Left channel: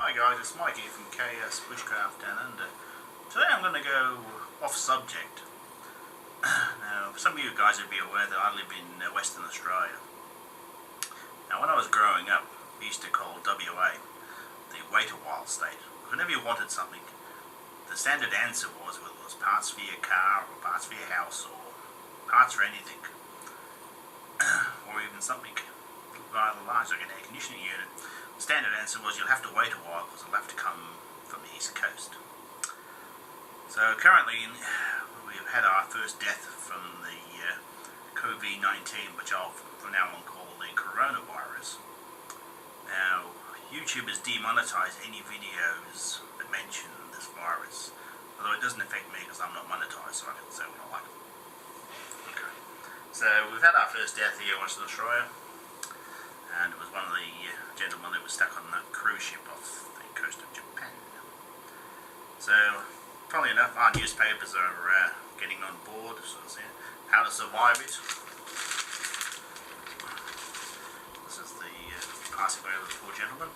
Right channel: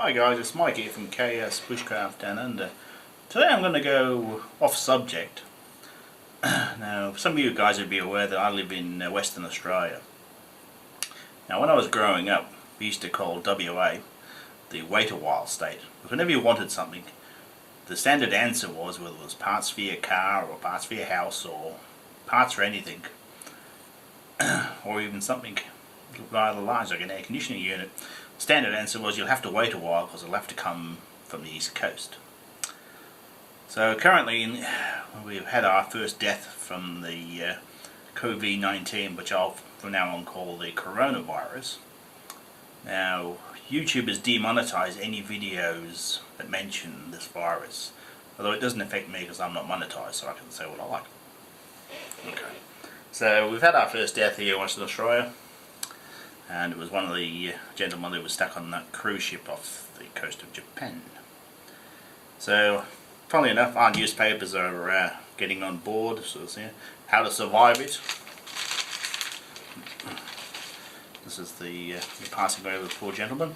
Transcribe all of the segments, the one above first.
Hi guys, it's Mike here from KS Bushcraft Down Under. Today I'm going to go off subject. Now, some of you guys would be aware that I live in Western Australia. Now, when I was growing up, we used to call WA the wait a while state. Whenever you wanted something, the standard answer was, whether it was parts for your car or parts for your house or parts for anything, or even something rather large like an air conditioning unit, the standard answer was you'll have to wait a while because it'll have to come from the east coast. So currently we've had our first death from the COVID-19, which I'll from now on call the coronavirus. Now, YouTube has demonetized any videos that mention this virus, although it doesn't affect me because I'm not monetized, so I can say what I like. Okay, so we've had our first death here in Western Australia, and it was one of the gentlemen who was stuck on that cruise ship off the coast of Japan. So, funnily enough, our newspapers are getting on board, so it's how to survive it. This is the passing away of the poor gentleman.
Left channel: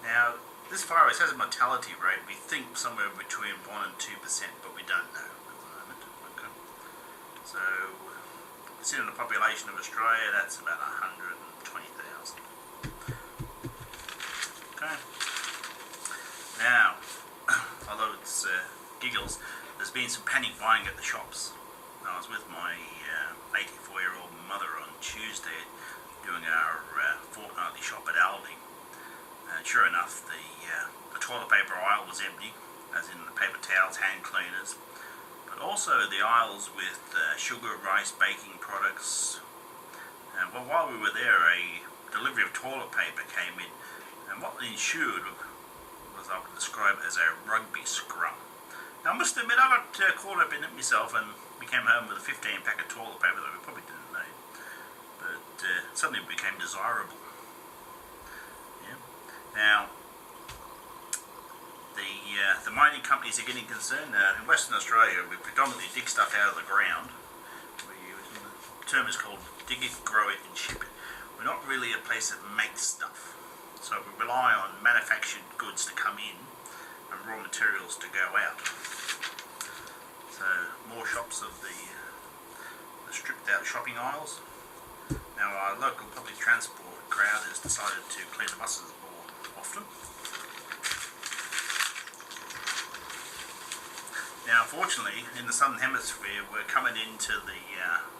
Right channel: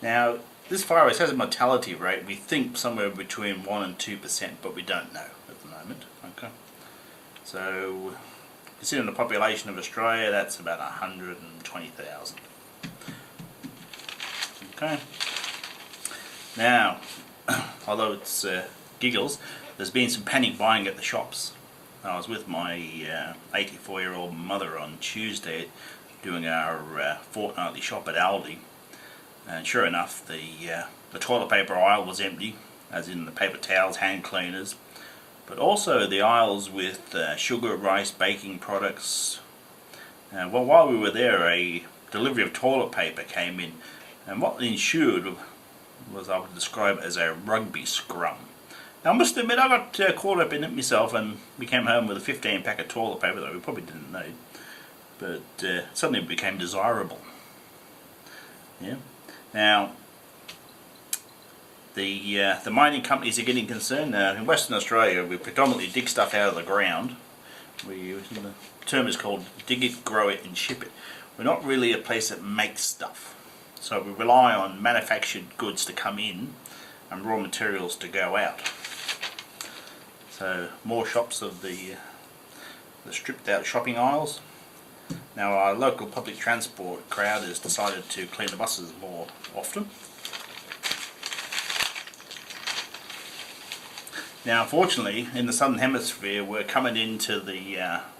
Now, this virus has a mortality rate, we think somewhere between 1 and 2%, but we don't know at the moment. Okay, so considering the population of Australia, that's about 120,000. Okay. Now, although it's giggles, there's been some panic buying at the shops. I was with my 84-year-old mother on Tuesday doing our fortnightly shop at Aldi, and sure enough, the toilet paper aisle was empty, as in the paper towels, hand cleaners, but also the aisles with sugar, rice, baking products. Well, while we were there, a delivery of toilet paper came in, and what ensued was, I would describe it as a rugby scrum. Now, I must admit, I got caught up in it myself, and we came home with a 15-pack of toilet paper that we probably didn't need, but suddenly it became desirable. Yeah. Now, the mining companies are getting concerned. In Western Australia, we predominantly dig stuff out of the ground. The term is called dig it, grow it and ship it. We're not really a place that makes stuff, so we rely on manufactured goods to come in and raw materials to go out. So more shops of the stripped out shopping aisles. Now, our local public transport crowd has decided to clean the buses more often. Now, unfortunately, in the southern hemisphere, we're coming into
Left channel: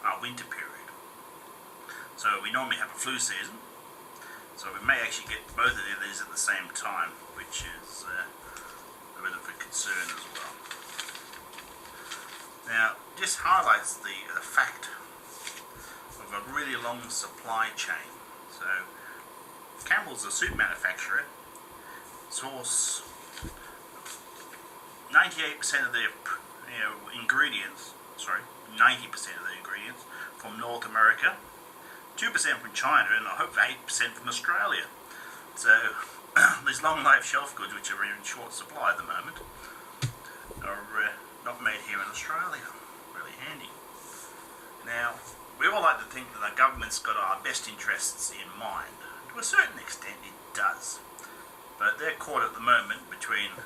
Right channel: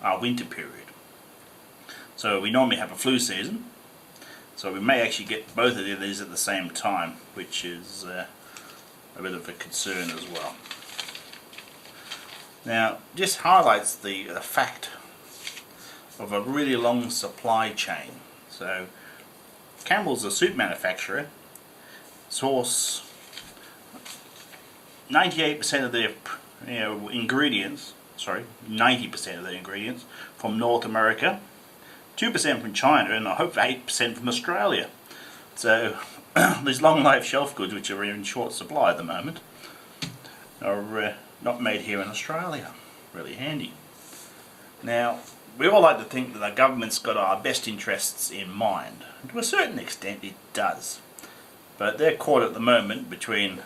our winter period. So we normally have a flu season, so we may actually get both of these at the same time, which is a bit of a concern as well. Now, just highlights the fact of a really long supply chain. So, Campbell's, a soup manufacturer, source 98% of their ingredients, 90% of their ingredients from North America, 2% from China, and I hope 8% from Australia. So these long life shelf goods, which are in short supply at the moment, are not made here in Australia. Really handy. Now, we all like to think that the government's got our best interests in mind. And to a certain extent it does. But they're caught at the moment between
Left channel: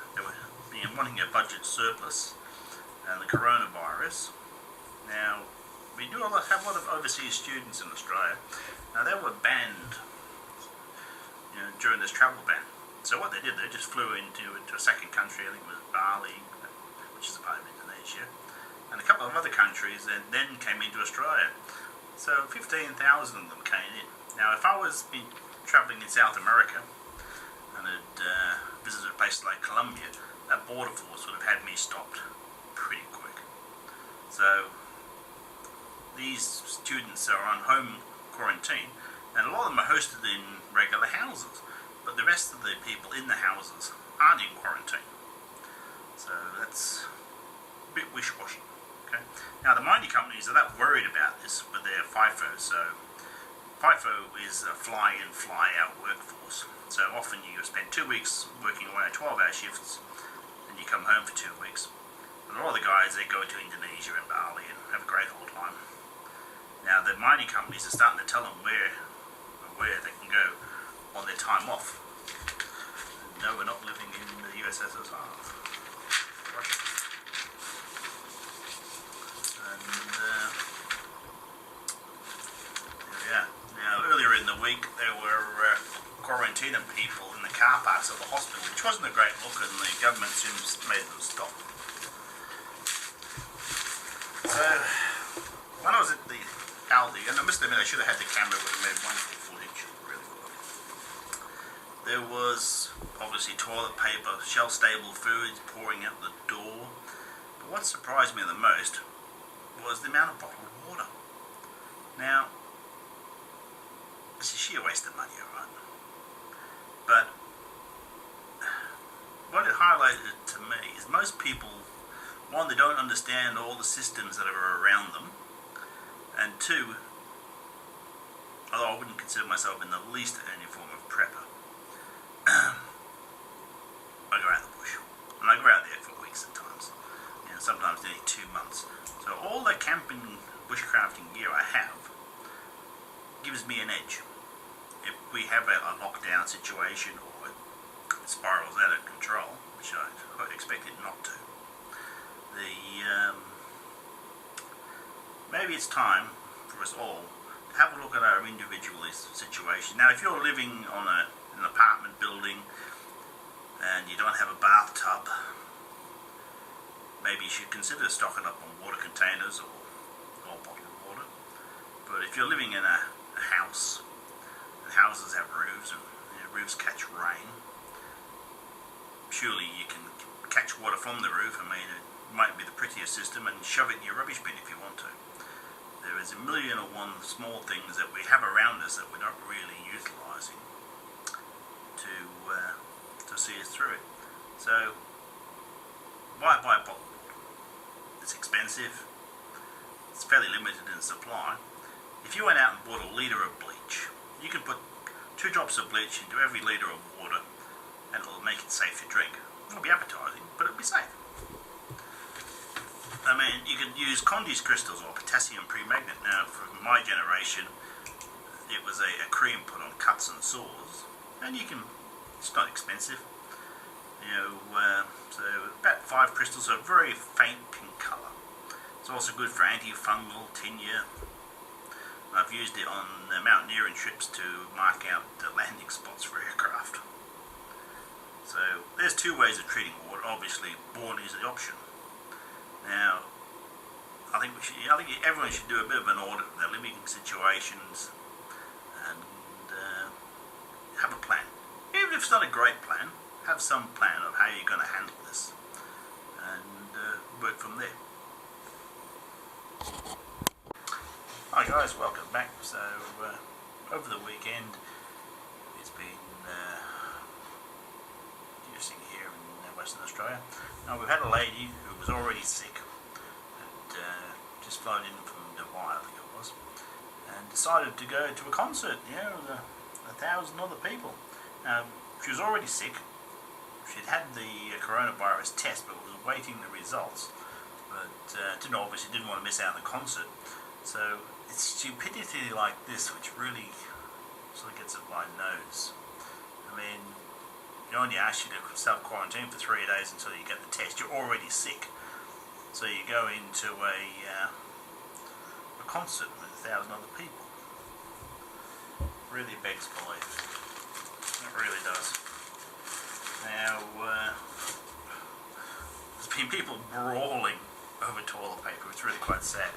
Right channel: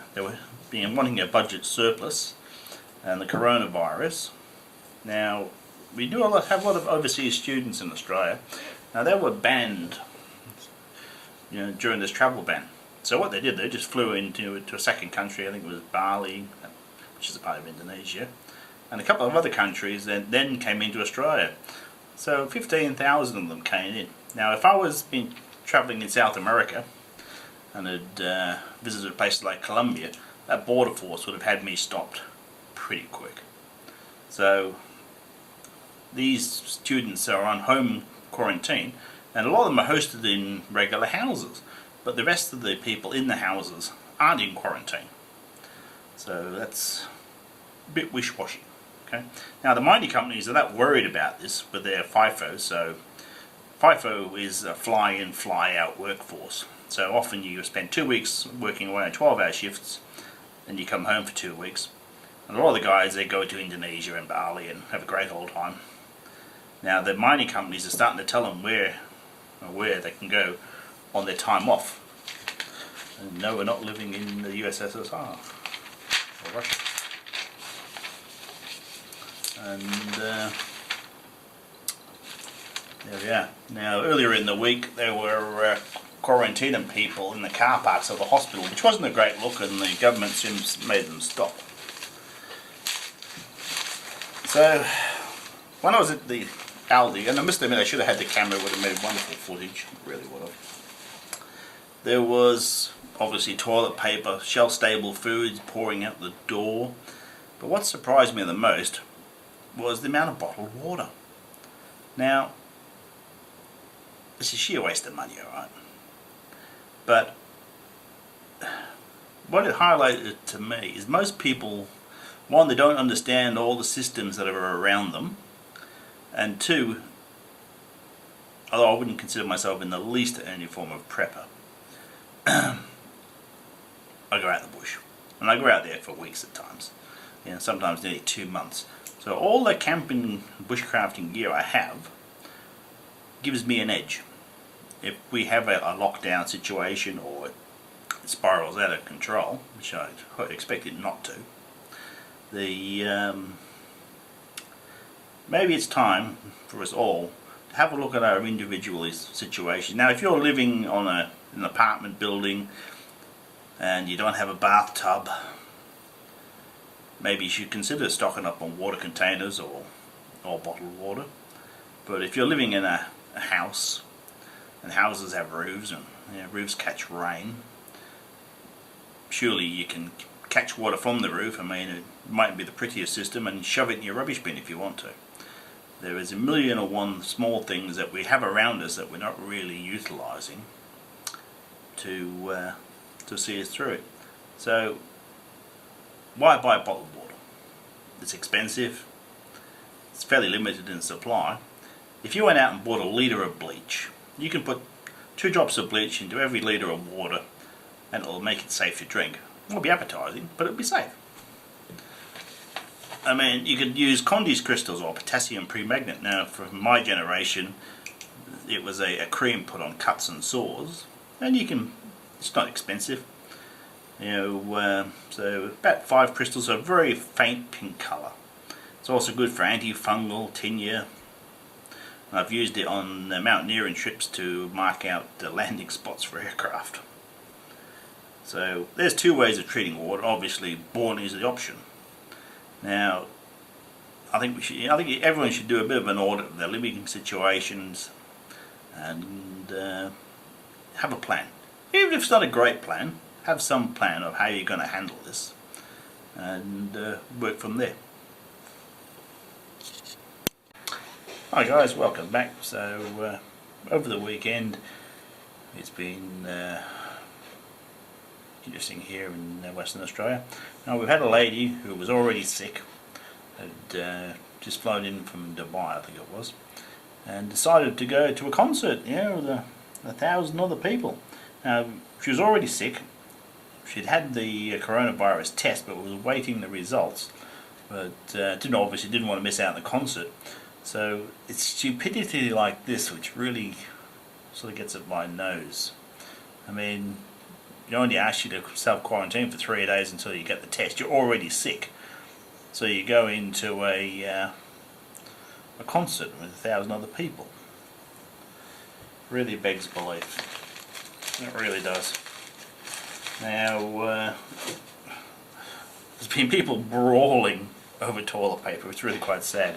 wanting a budget surplus and the coronavirus. Now, we do have a lot of overseas students in Australia. Now, they were banned during this travel ban. So what they did, they just flew into a second country, I think it was Bali, which is a part of Indonesia, and a couple of other countries that then came into Australia. So 15,000 of them came in. Now, if I was been travelling in South America and had visited places like Colombia, that border force would have had me stopped pretty quick. So these students are on home quarantine, and a lot of them are hosted in regular houses, but the rest of the people in the houses aren't in quarantine. So that's a bit wish-washy. Okay. Now, the mining companies are not worried about this with their FIFO. So FIFO is a fly-in, fly-out workforce. So often you spend 2 weeks working away on 12-hour shifts, and you come home for 2 weeks. And a lot of the guys, they go to Indonesia and Bali and have a great old time. Now, the mining companies are starting to tell them where they can go on their time off. And no, we're not living in the USSR or Russia. And there we are. Now, earlier in the week, there were quarantining people in the car parks of the hospital, which wasn't a great look, and the government soon made them stop. So, when I was at the Aldi, and I must admit I should have had the camera, would have made wonderful footage, really would have. There was obviously toilet paper, shelf-stable foods pouring out the door, but what surprised me the most was the amount of bottled water. Now, it's a sheer waste of money, alright? But what it highlighted to me is most people, one, they don't understand all the systems that are around them, and two, although I wouldn't consider myself in the least any form of prepper, I go out in the bush, and I go out there for weeks at times, you know, sometimes nearly 2 months. So all the camping, bushcrafting gear I have gives me an edge. If we have a lockdown situation or it spirals out of control, which I expect it not to, maybe it's time for us all to have a look at our individual situation. Now, if you're living on an apartment building and you don't have a bathtub, maybe you should consider stocking up on water containers or bottled water. But if you're living in a house, and houses have roofs, and you know, roofs catch rain, surely you can catch water from the roof. I mean, it might be the prettiest system, and shove it in your rubbish bin if you want to. There is a million and one small things that we have around us that we're not really utilising to see us through it. So why buy bottled water? It's expensive, it's fairly limited in supply. If you went out and bought a litre of bleach, you can put 2 drops of bleach into every litre of water and it'll make it safe to drink. It won't be appetizing, but it'll be safe. I mean, you could use Condy's crystals or potassium permanganate. Now, for my generation, it was a cream put on cuts and sores, and you can, it's not expensive. You know, so about 5 crystals, a very faint pink colour. It's also good for antifungal, tinea. I've used it on mountaineering trips to mark out the landing spots for aircraft. So there's 2 ways of treating water. Obviously, boring is the option. Now, I think everyone should do a bit of an audit of their living situations and have a plan. Even if it's not a great plan, have some plan of how you're going to handle this and work from there. Hi guys, welcome back. So over the weekend it's been interesting here in Western Australia. Now, we've had a lady who was already sick, had just flown in from Dubai, I think it was, and decided to go to a concert, you know, with 1,000 other people. Now, she was already sick. She'd had the coronavirus test but was waiting the results, but obviously didn't want to miss out on the concert. So it's stupidity like this which really sort of gets at my nose. I mean, they only ask you to self-quarantine for 3 days until you get the test. You're already sick, so you go into a concert with 1,000 other people. Really begs belief. It really does. Now, there's been people brawling over toilet paper. It's really quite sad.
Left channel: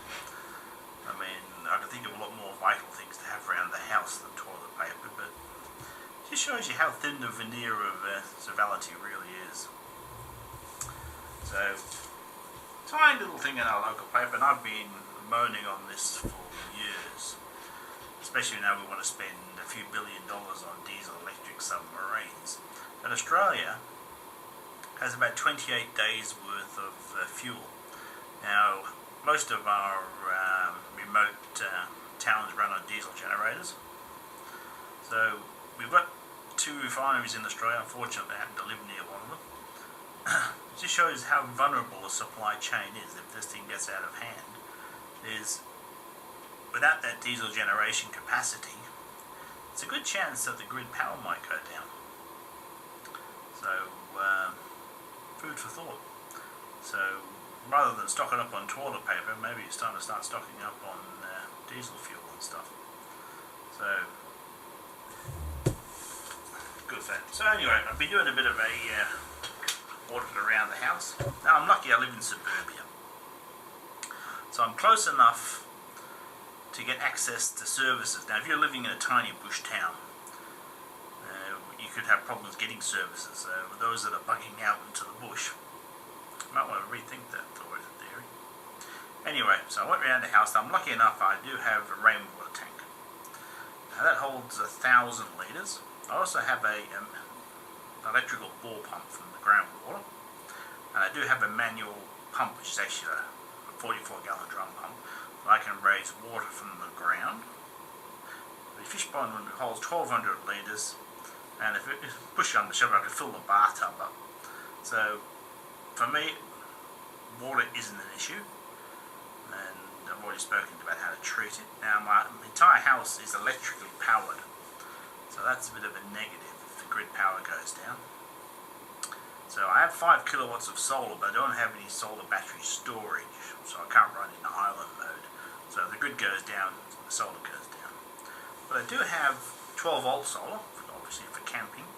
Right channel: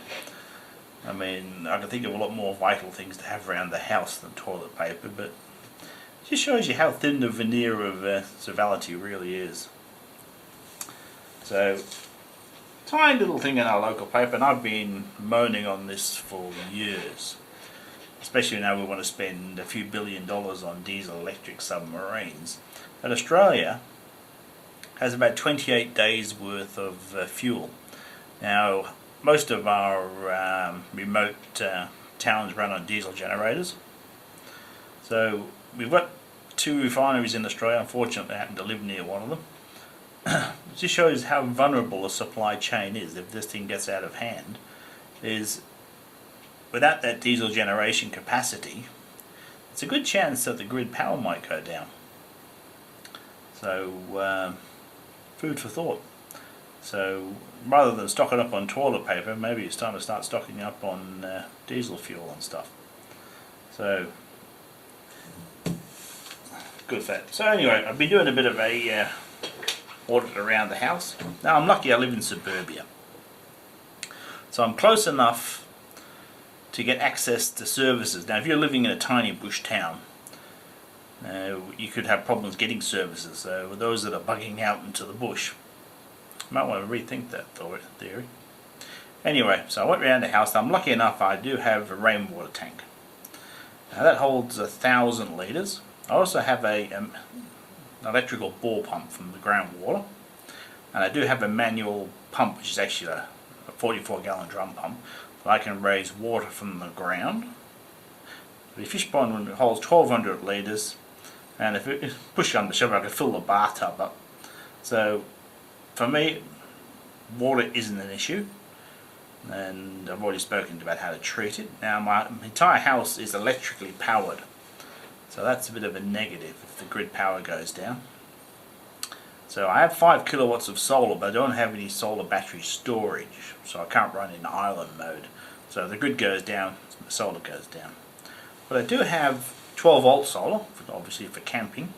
I mean, I can think of a lot more vital things to have around the house than toilet paper, but it just shows you how thin the veneer of civility really is. So, tiny little thing in our local paper, and I've been moaning on this for years. Especially now we want to spend a few $1 billion on diesel electric submarines. And Australia has about 28 days worth of fuel. Now, most of our remote towns run on diesel generators. So we've got 2 refineries in Australia. Unfortunately, I happen to live near one of them. It just shows how vulnerable a supply chain is if this thing gets out of hand. Is without that diesel generation capacity, it's a good chance that the grid power might go down. So food for thought. So rather than stocking up on toilet paper, maybe it's time to start stocking up on diesel fuel and stuff. So good for that. So anyway, I've been doing a bit of a audit around the house. Now I'm lucky I live in suburbia, so I'm close enough to get access to services. Now if you're living in a tiny bush town, you could have problems getting services. So those that are bugging out into the bush, you might want to rethink that theory. Anyway, so I went around the house. I'm lucky enough I do have a rainwater tank. Now that holds 1,000 litres. I also have an electrical bore pump from the groundwater, and I do have a manual pump, which is actually a 44-gallon drum pump, that I can raise water from the ground. The fish pond holds 1,200 litres, and if it push on the shovel I can fill the bathtub up. So for me, water isn't an issue, and I've already spoken about how to treat it. Now my entire house is electrically powered, so that's a bit of a negative if the grid power goes down. So I have 5 kilowatts of solar, but I don't have any solar battery storage, so I can't run in island mode. So if the grid goes down, the solar goes down. But I do have 12 volt solar, obviously for camping.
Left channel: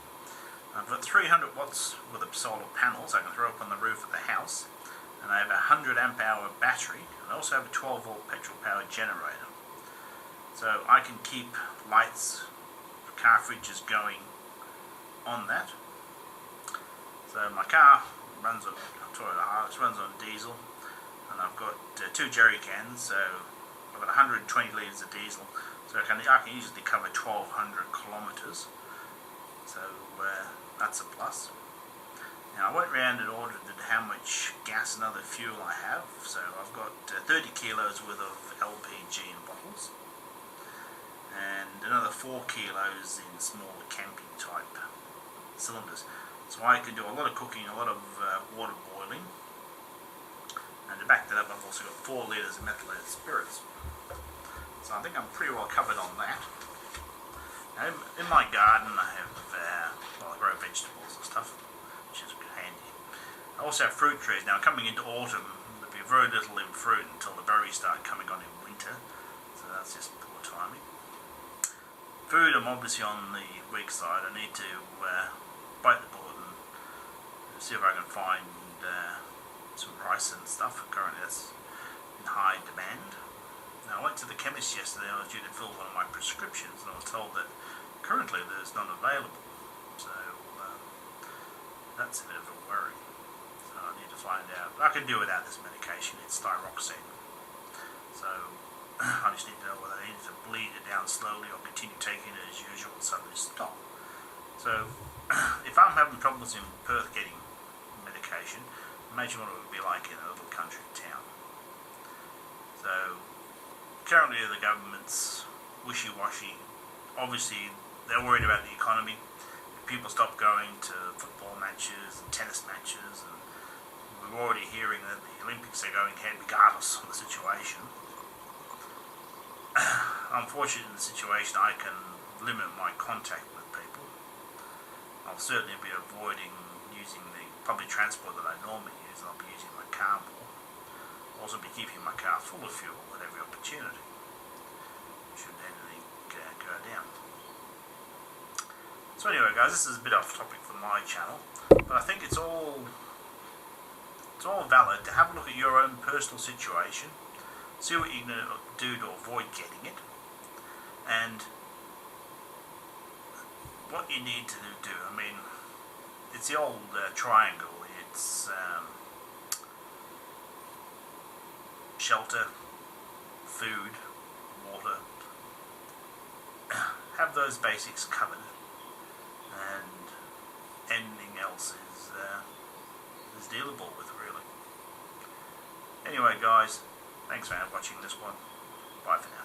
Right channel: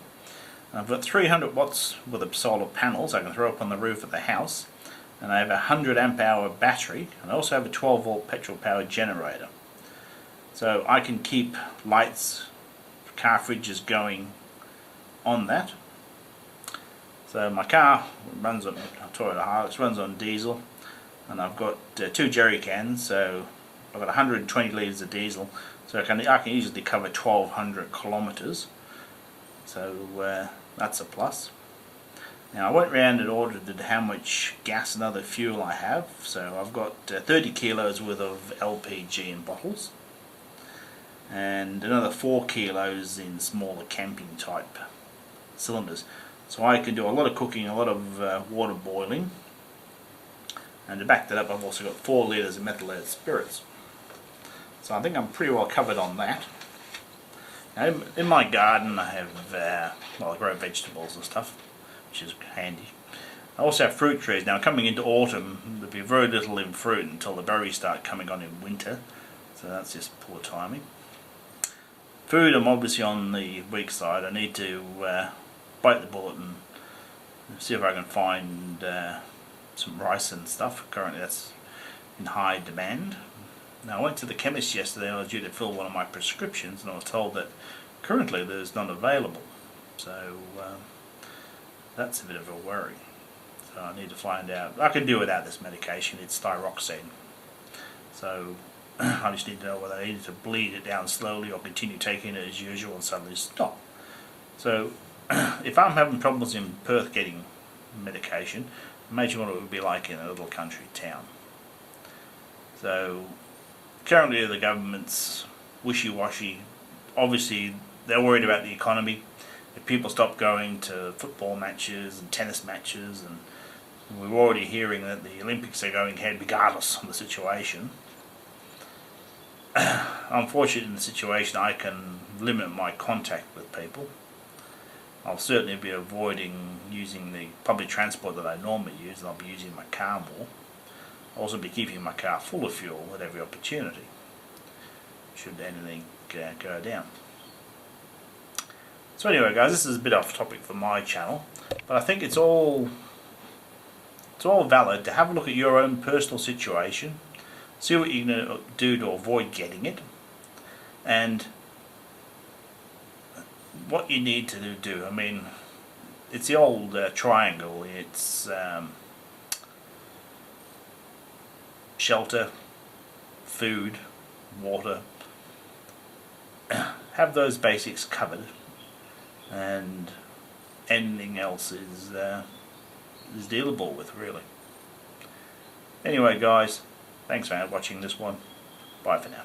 I've got 300 watts with the solar panels I can throw up on the roof of the house, and I have a 100 amp hour battery, and I also have a 12 volt petrol powered generator. So I can keep lights, car fridges going on that. So my car runs on Toyota Hilux, runs on diesel, and I've got 2 jerry cans, so I've got 120 litres of diesel, so I can easily cover 1,200 kilometres. So that's a plus. Now I went round and audited how much gas and other fuel I have. So I've got 30 kilos worth of LPG in bottles, and another 4 kilos in smaller camping type cylinders. So I can do a lot of cooking, a lot of water boiling, and to back that up I've also got 4 litres of methylated spirits. So I think I'm pretty well covered on that. Now in my garden I have, well, I grow vegetables and stuff, which is handy. I also have fruit trees. Now coming into autumn there'll be very little in fruit until the berries start coming on in winter, so that's just poor timing. Food, I'm obviously on the weak side. I need to bite the bullet and see if I can find some rice and stuff. Currently that's in high demand. Now I went to the chemist yesterday. I was due to fill one of my prescriptions, and I was told that currently there's none available. So that's a bit of a worry. So I need to find out. I can do without this medication. It's thyroxine. So I just need to know whether I need to bleed it down slowly or continue taking it as usual and suddenly stop. So if I'm having problems in Perth getting medication, imagine what it would be like in a little country town. So currently the government's wishy-washy. Obviously they're worried about the economy. If people stop going to football matches and tennis matches, and we're already hearing that the Olympics are going ahead regardless of the situation. Unfortunately in the situation I can limit my contact with people. I'll certainly be avoiding using the public transport that I normally use, and I'll be using my car more. I'll also be keeping my car full of fuel at every opportunity, should anything go down. So anyway guys, this is a bit off topic for my channel, but I think it's all valid to have a look at your own personal situation, see what you can do to avoid getting it, and what you need to do. I mean, it's the old triangle. It's shelter, food, water. Have those basics covered, and anything else is dealable with, really. Anyway guys, thanks for watching this one. Bye for now.